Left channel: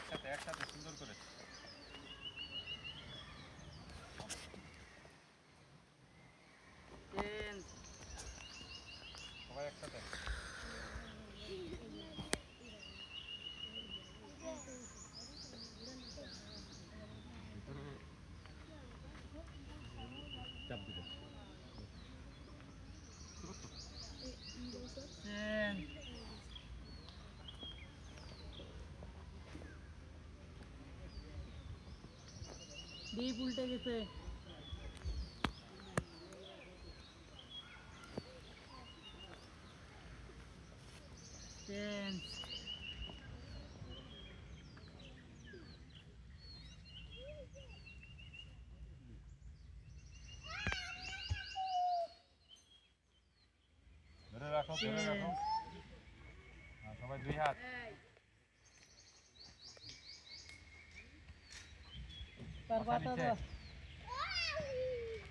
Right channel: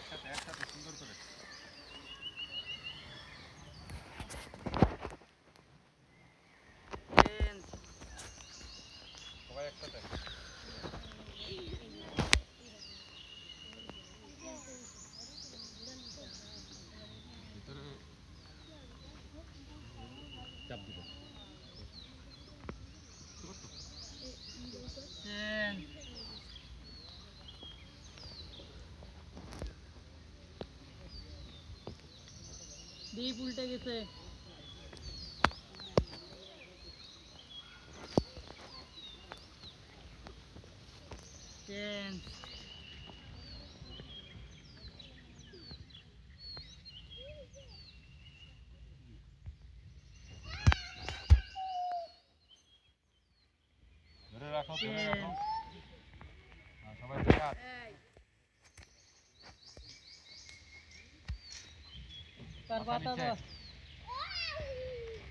একসাথে একসাথে সুন্দর করে সবাই একসাথে। ভিতরে চাপ দিব। ডিপ উল্টে গেছে। চেঞ্জ। ধরে রাখো ধরে রাখো। সবাই ধরে হাত। তার পাতা দাও।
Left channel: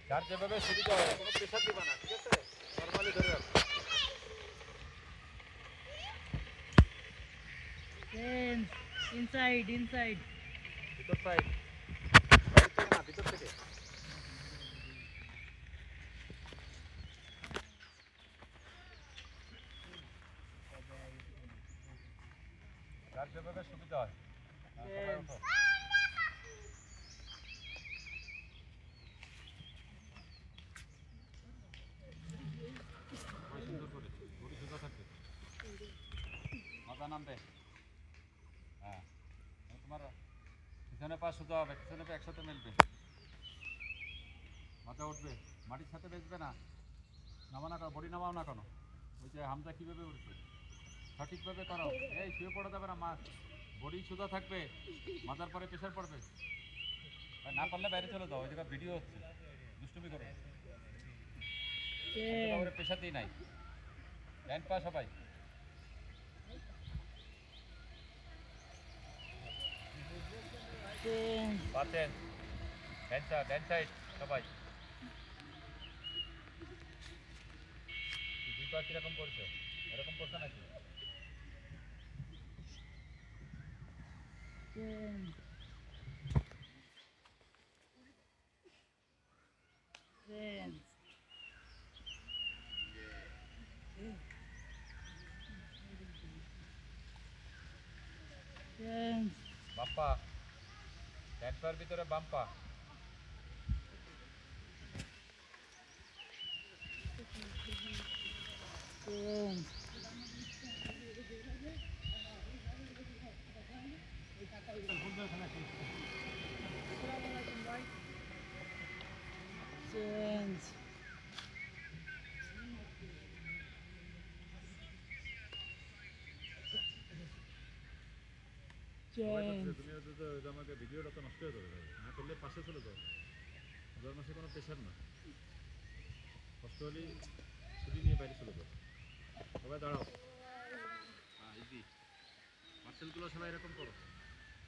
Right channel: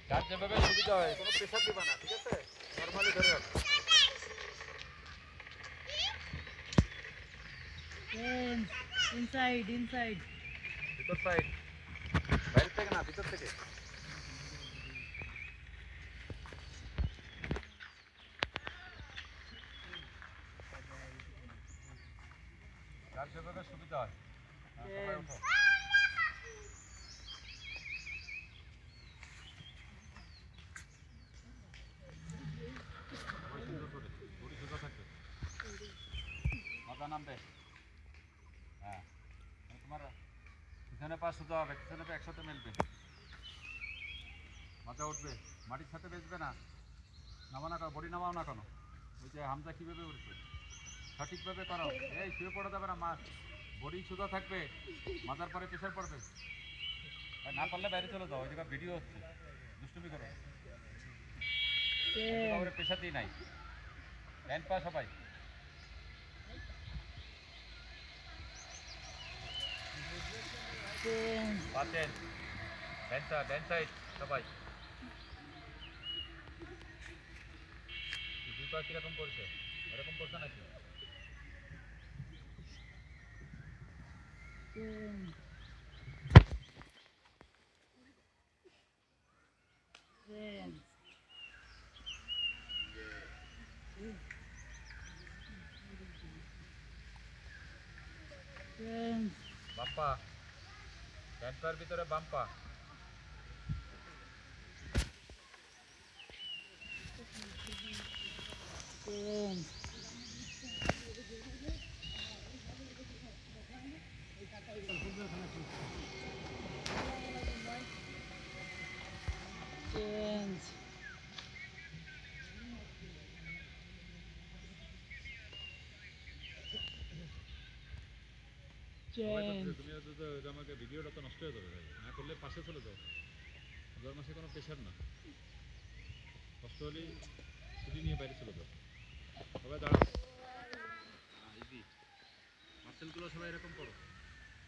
যার যেভাবে সুবিধা হয়, কোনো প্রেশার দিবা না, ঠিক আছে? নরমালি ধরে রাখো। চেঞ্জ। Inside inside. ভিতর সাইড, বাইরে থেকে না, ভিতর থেকে। যার যেভাবে সুবিধা হয়। সবাই ওঠো। সুন্দর করে বডি সোজা থাকবে, মাথা নামবে। হ্যাঁ, তোমার পিছনে পা সোজা হবে, পিছনে পা একসাথে মিলবে, মাথা উঠবে, মাটির সাথে বেসবে না। নামা না করো, বডি নামাও না কেন? ওই যে হামজা কীভাবে উঠছে সঠিকভাবে করো। এই শুয়ে পড়া যাবে না, বডি সোজা থাকবে, মাথার পরে প্রেশার পড়বে। না করলে বাইরে চলে যাও, ওই জায়গায় ভিডিও হচ্ছে, দুষ্টুমি করো। প্রেশার দিই নাই, টাইম পা সবাই। পাচ্ছেন ড্যান্স সাইড সবাই। দুই পা কীরকম করছে, এরকম করছে নাকি? বাম্পা, ড্যান্স পার ভিতরে বাম্পা। চেঞ্জ। তুমি আমাকে ভিডিওটা তো নষ্ট করে দেবে, না করলে পাশে চলে যাও। রোজার মাসে কোনো প্রেশার না, কষ্ট হলেই ছুটি নিয়ে বাইরে চলে যাও। সবাই দাঁড়াও। ইজি মার্সেলগুলো সবাই এরকম করো,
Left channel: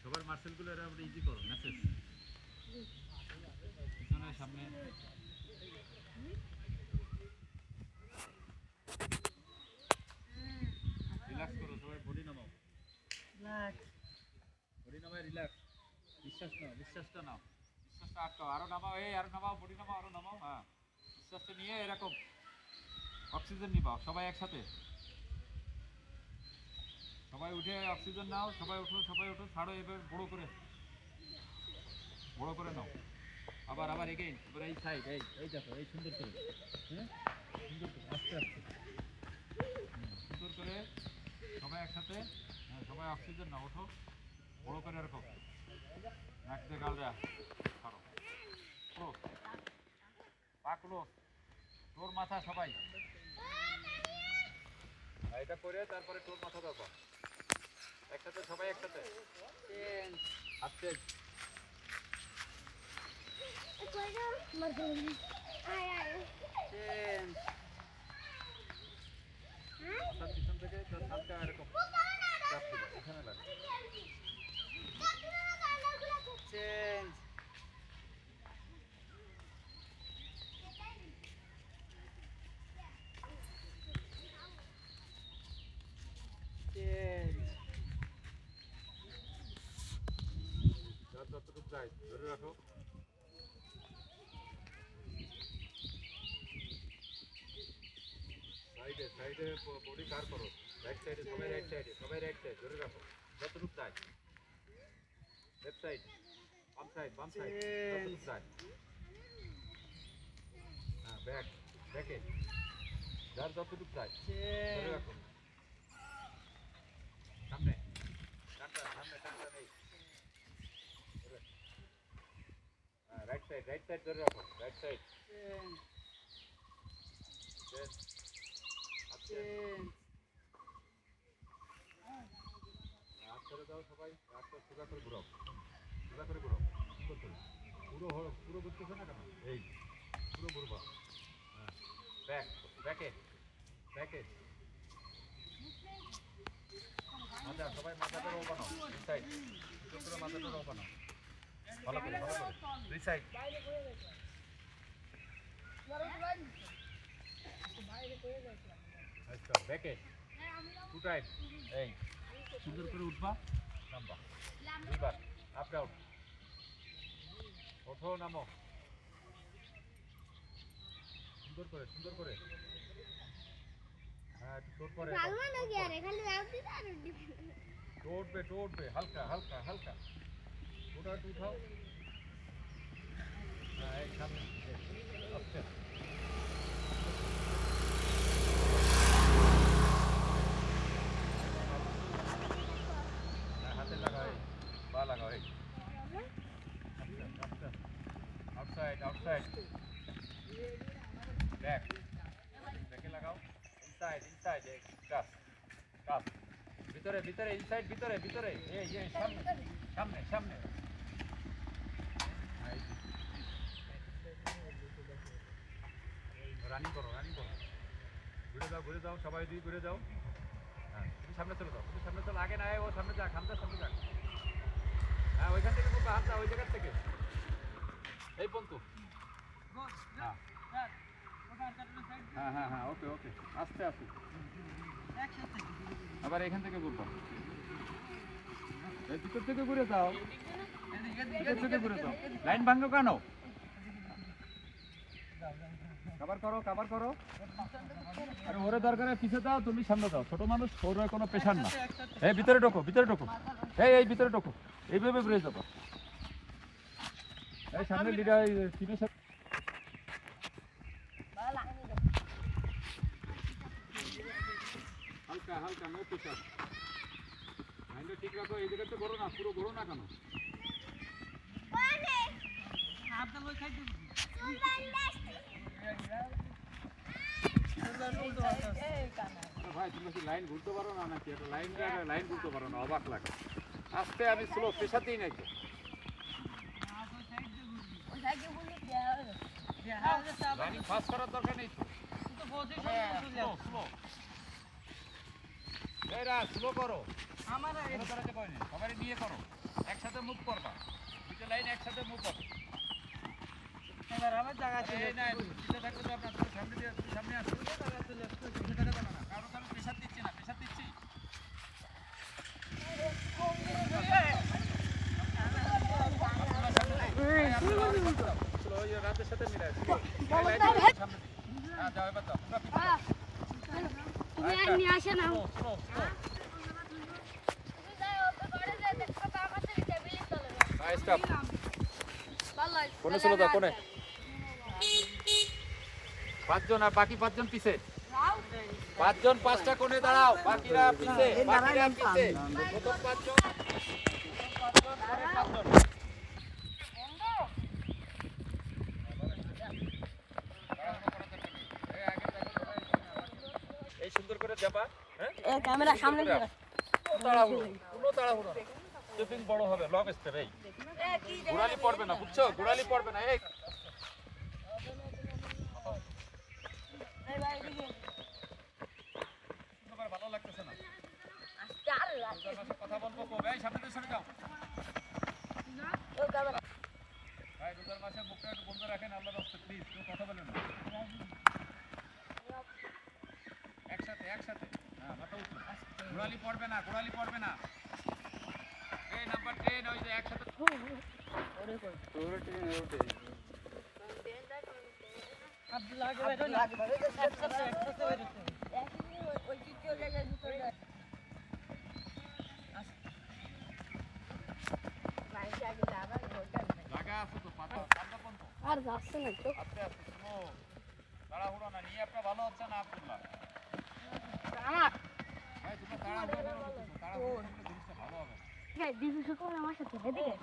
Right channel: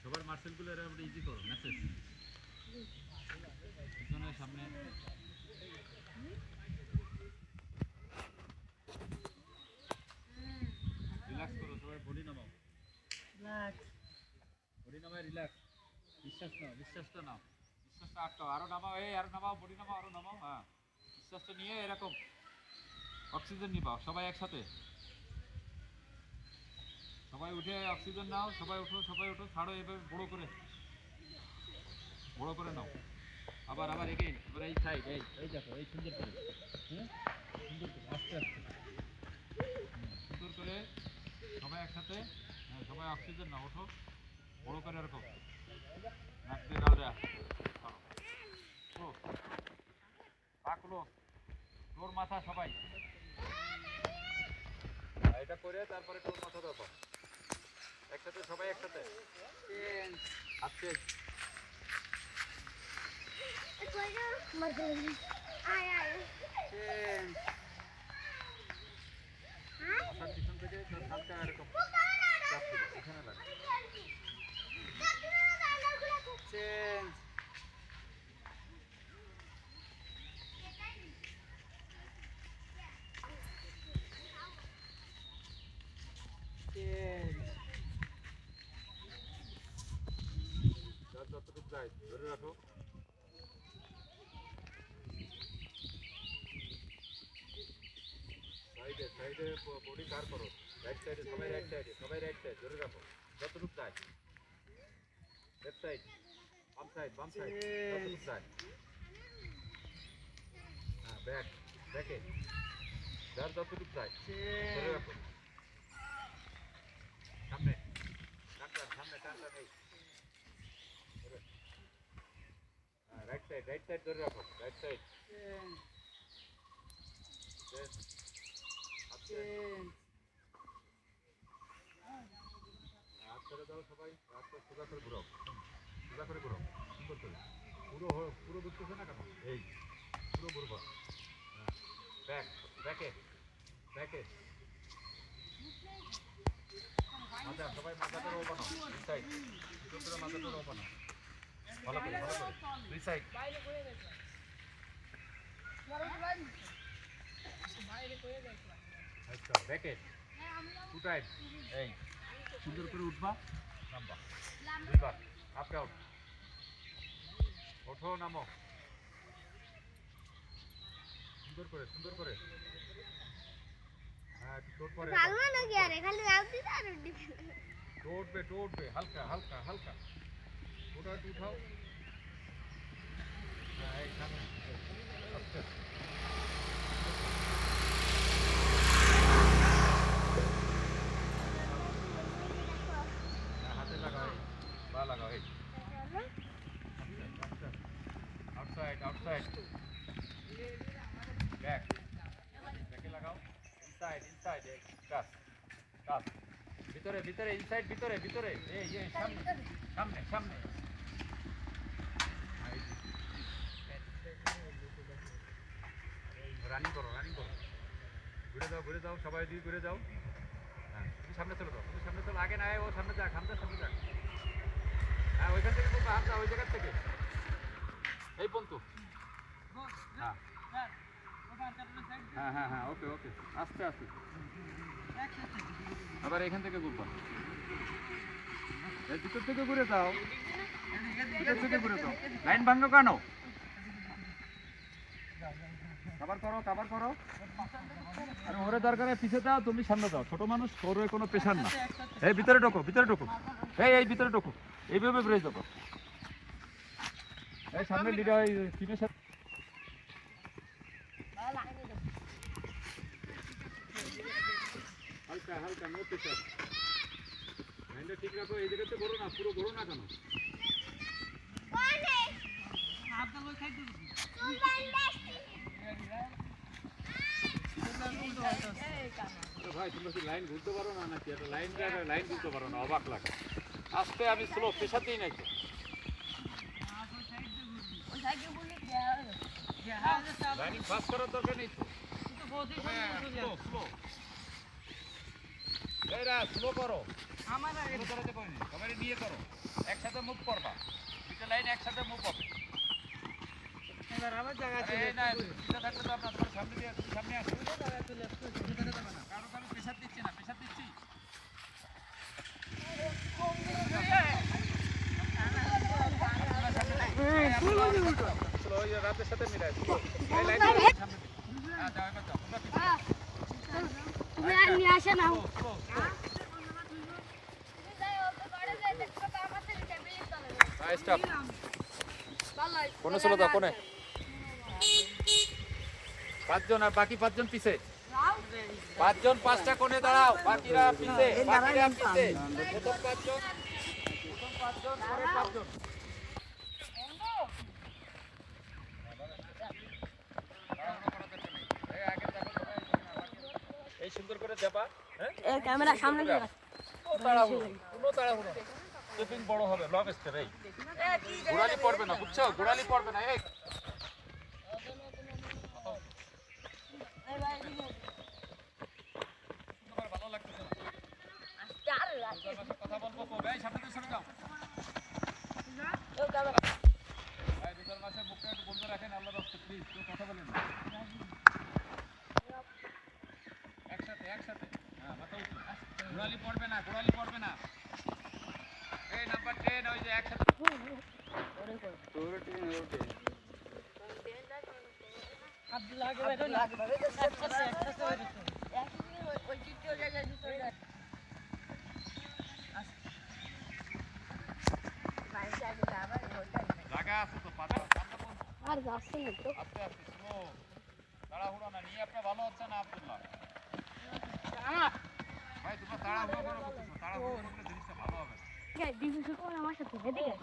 সবার মার্সেলগুলো এরকম ইজি করো। মেসেজ পিছনে সামনে, রিল্যাক্স করো সবাই, বডি নামাও, বডি নামায় রিল্যাক্স। নিঃশ্বাস নাও, নিঃশ্বাসটা নাও, নিঃশ্বাসটা আটকাও, আরো নামাও, এই আরো নামাও, বডি নামাও, আরো নামাও। হ্যাঁ, নিঃশ্বাসটা নিয়ে এরকম অক্সিজেন নিবাও সবাই একসাথে। সবাই উঠে অক্সিজেন নাও, সবাই উঠো, সবাই উঠো, ছাড়ো এবার বড় করে, বড় করে নাও। আবার আবার এগেইন, এবার এই সাইড, এই দেখো, এই সুন্দর করে, হ্যাঁ সুন্দর করে আস্তে আস্তে, সুন্দর করে সবাই একসাথে। হ্যাঁ, সবাই অক্সিজেন নাও, ওঠো, বড় করে এরকম নাক দিয়ে গাল দেয়া করো। পা ক্লোজ, তোর মাথা সবাই এটা করে, তারপরে তোর মাথা দেখো একসাথে, সবাই একসাথে আসছে। মাথার পিছন থেকে হালকা এরকম চাপ দিবা, এখানে লাগে। সাইডে বডি কার করো, রাইট সাইডে সবাই রাইট সাইড ধরে রাখো, যতটুকু চাই, লেফট সাইড, বাম সাইড, যতটুকু চাই, হ্যাঁ ব্যাকে, যার যতটুকু চাই ধরে রাখো, সামনে টানটা নেই, হ্যাঁ রাইট সাইড ধরে রাখো, রাইট সাইড, হাত ছেড়ে দাও সবাই, হাতটা সোজা করে ঘুরাও, সুন্দর করে, পুরো ঘুরতেছে না কেন, এই পুরো ঘুরবা, হ্যাঁ ব্যাকে, সবাই মাথাটা রো বানাও, দুই সাইড, মাথাটা রো বানাও, ভালো করে, দুই সাইড, আচ্ছা ব্যাকে, টু টাইম, এই সুন্দর করে উঠবা, নামবা, দুইবার, আপ ডাউন, ওঠো নামো, সুন্দর করে, হ্যাঁ তোর পরে উঠবে, হালকা, ওটা একটু উঠাও, হ্যাঁ এই সামনে, আচ্ছা হাতে লাগাও, এই পা লাগাও, এই আউটসাইড, ব্যাকে লাগাও, ইনসাইড, এই কাজ, ভিতরে, ইনসাইড, ভিতরে, এই সামনে, রানিং করো, ঘুরে যাও, সবাই দিয়ে ঘুরে যাও, হ্যাঁ তুমি সামনে চলে যাও, আগে না ও সামনে যাক, সামনে যাক, হ্যাঁ ওইখান থেকে বলবো, হামজা ওই জায়গার থেকে, এই পন্তু, হ্যাঁ ওকে, আস্তে, আবার এখান থেকে ঘুরবো, এই ভিতর থেকে ঘুরে যাও, লাইন ভাঙো কেন, কাবার করো, আরে ওরে দরকারে পিছে যাও, তুমি সামনে যাও, ছোট মানুষ, ওরে কোনো প্রেশার না, এই ভিতরে ঢোকো, এই ভিতরে ঢোকো, এইভাবে ঘুরে যাবো, এই সামনে লিডার টিমের সাথে, হালকা নো প্রেশার, লাইনটা ঠিক রাখো, এই জায়গাতে ঘোরো না, পুরো ঘোরো না কেন, ভাই তোমরা কি লাইন ঘুরতে পারো না নাকি, লাইন ঘুরতে পারো না, অবাক লাগে, আস্তে আমি স্লো প্রেশার দিই নাকি, লাইনিং ফাস্ট করার দরকার নেই, স্লো করো, আমার নিয়ে করো, একসাথে মুভ করবা, দুটো লাইন একসাথে মুভ হবে, আমার জায়গা ছিল না, থাকলে তো আপনার সামনে আসো, কারণ আমি প্রেশার দিচ্ছি না, রাতের সাথে মিলাই, কোনে চলে যাও, কোনে 5 জন, আর বাকি 5 জন পিছে, 5 জন 5টা কোণে দাঁড়াও, বাকিরা পিছে, প্রথম 5 জন, এই সুন্দর করে যাবা, হ্যাঁ ক্যামেরা সামনে দিয়ে কোনো তাড়াহুড়ো, স্টেপিং বড় হবে, লং স্টেপ, এই গোড়ালি পড়বে না, বুঝছো, এই ভালো লাগতেছে না, কথা বলবো, সামনে দিয়ে সরে যাও, ভাই রোজার মাসে মুখটা একটু বন্ধ রাখেন, আল্লাহ রাস্তা প্লিজ, কেউ কথা বলেন না, একসাথে, হ্যাঁ মাথা উঁচু, গোড়ালি পড়বে না, এই নাম্বার 10, ওই যে একসাথে, আব্দুল্লাহ জায়গা আছে তো পাঁচ আর যাচ্ছে না তো আস্তে আস্তে স্লো তাড়াহুড়ো না নিয়ে আপনার ভালো হচ্ছে না আব্দুল্লাহ ভাই তোমরা তাড়াহুড়ো করো করতেছো তাড়াহুড়ো করলে জিনিসটা ভালো হবে ডিভিশন করে আমার সাথে এদিকে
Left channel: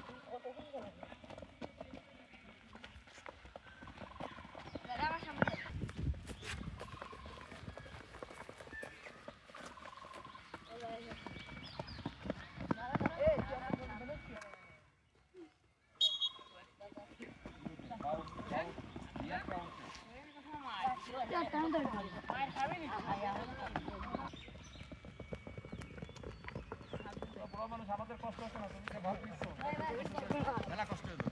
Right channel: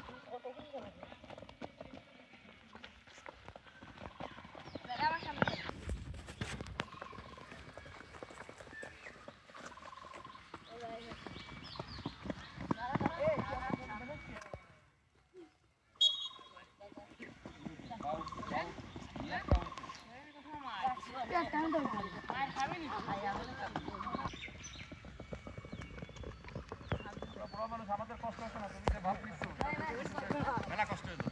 বড় মানুষ আমাদের কষ্ট হচ্ছে না তুমি যে ভালো মেলা কষ্ট হলো